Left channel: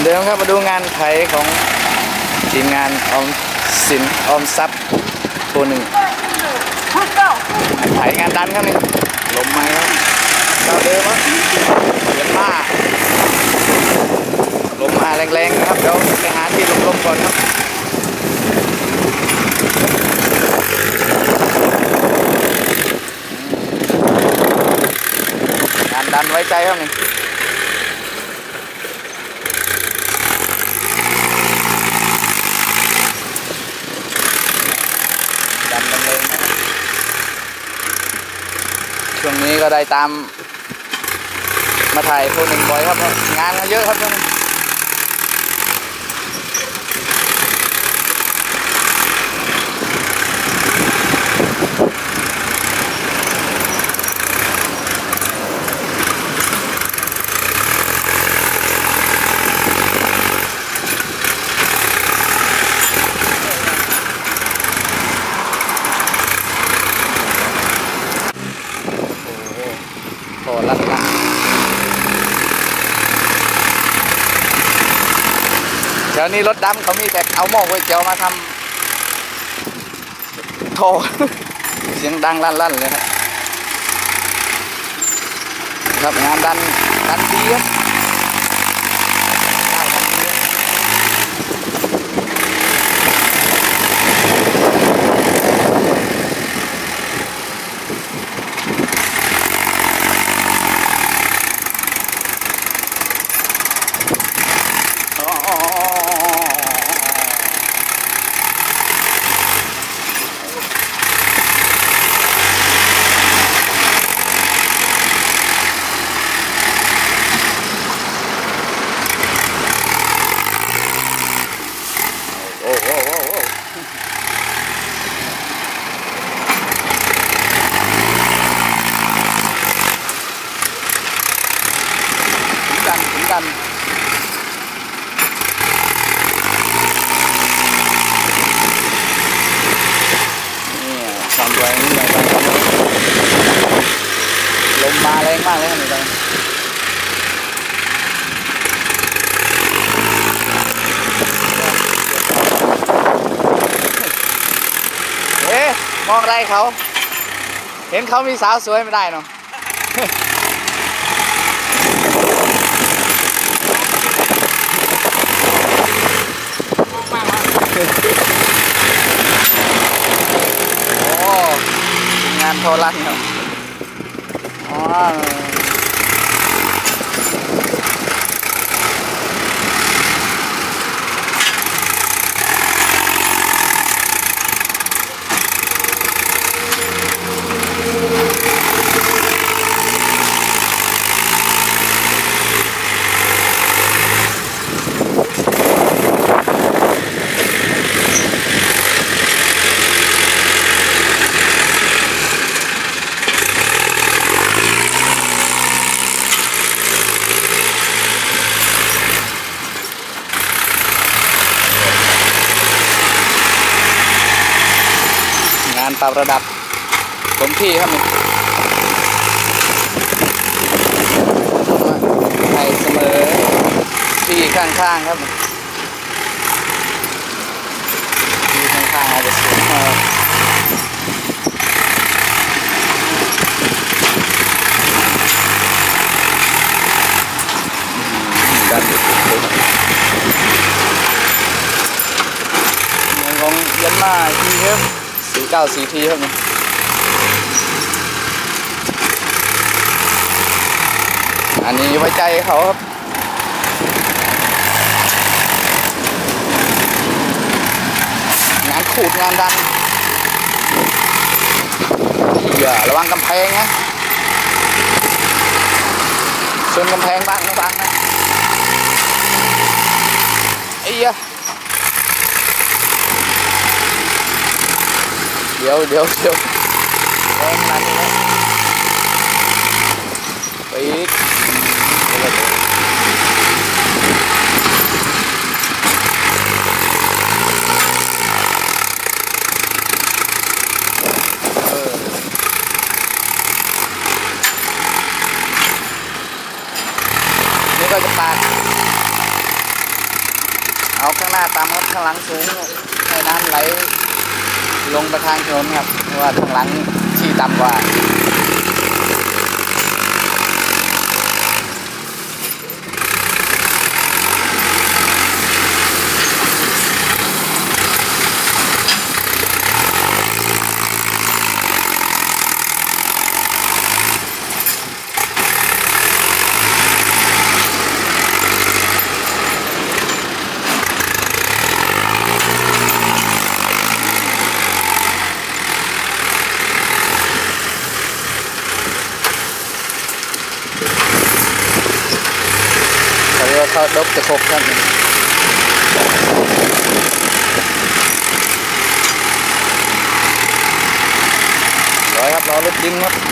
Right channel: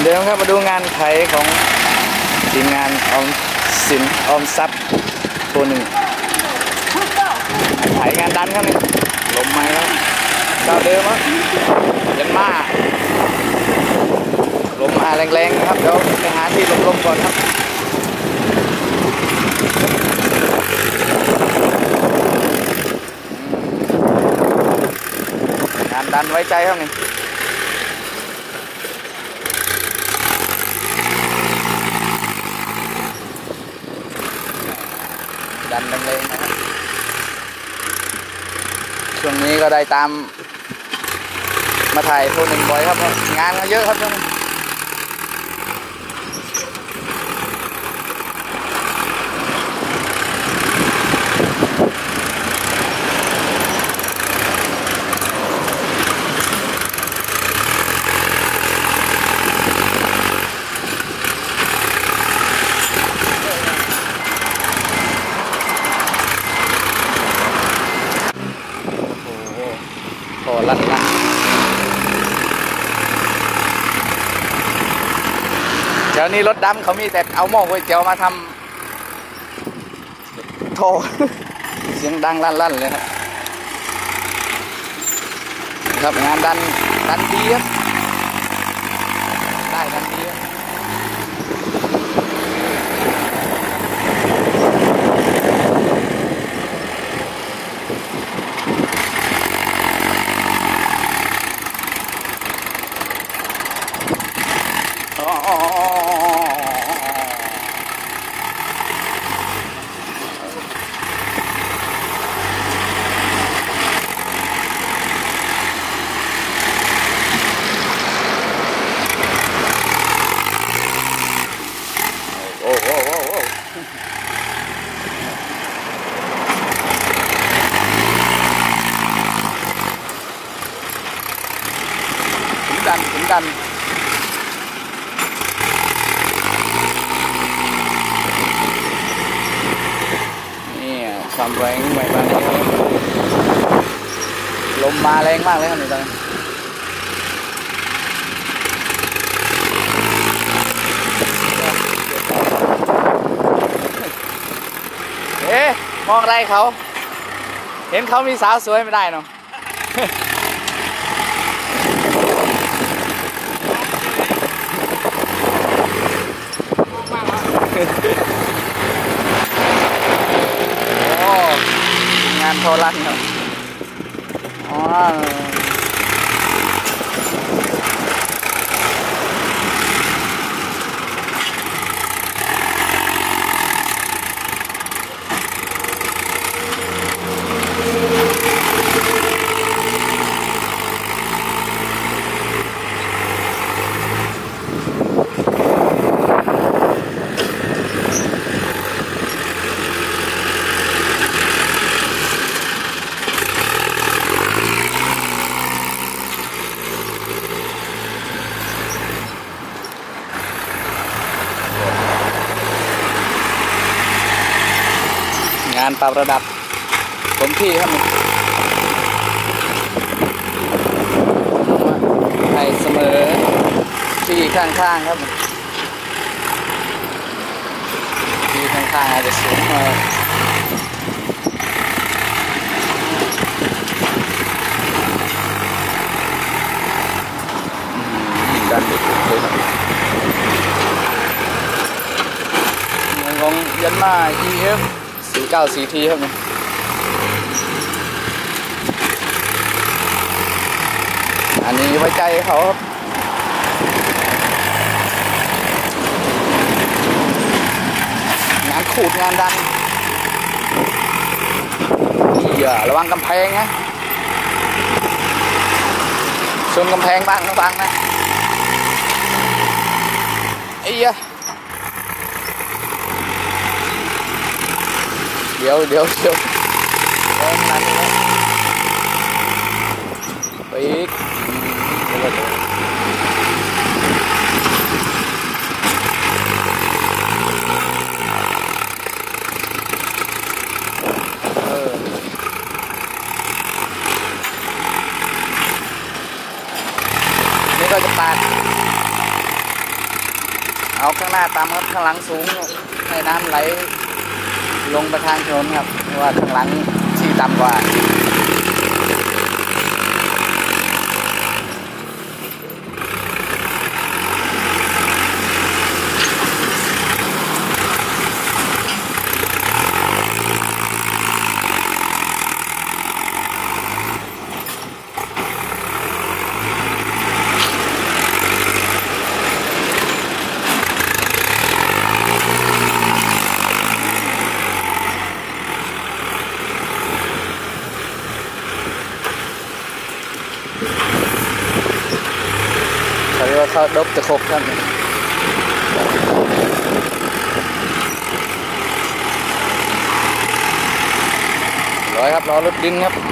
อนเดิมครับมาดูงานไขของทีมงานออมสินออมทรัพย์ตัวหนึ่งไขงานดันครับนี่ลมไม้ครับเจ้าเดิมครับยันมาลมมาแรงๆนะครับเดี๋ยวไปหาที่ลมๆก่อนครับงานดันไว้ใจครับนี่ ดันมันเลยนะครับช่วง นี้ก็ได้ตามมาถ่ายพวกหนึ่งบ่อยครับ งานก็เยอะครับช่วงนี้โอ้โหโห ลั่นลั่นเดี๋ยวนี้รถดำเขามีแต่เอาหม้อก๋วยเตี๋ยวมาทำโทเสียงดังลั่นลั่นเลยครับ ครับงานดันดันดีครับได้ดันดีครับอ๋อโอ้โอ้โอ้โอ้ถึงดันถึงดัน นี่ค วงหน่อยบางลมมาแรงมากเลยครับนี่ตอนนี้เอ๊ะมองอะไรเขา เห็นเขามีสาวสวยไม่ได้เนาะโอ้ ทีมงานโทรลันครับอ๋อางาน ปรับระดับผมที่ครับให้เสมอที่ข้างๆครับที่ข้างๆอาจจะสูงหน่อยอืมดันไปสุดเลยครับของยันมาทีครับ สี่เก้าสี่ทีครับเนี่ยอันนี้ไว้ใจเขาครับงานขูดงานดันอย่าระวังกำแพงนะชนกำแพงบ้างนะบ้างนะไอ้ยะ เดี๋ยวเดี๋ยวเดี๋ยวเดินมานี่นะไปอีกเออนี่ก็จะปาด เอาข้างหน้าต่ำครับข้างหลังสูงให้น้ำไหล ลงไปทางถนนครับเพราะว่าข้างหลังที่ต่ำกว่า เขาดบจะครบครับร้อยครับรอรถดินครับ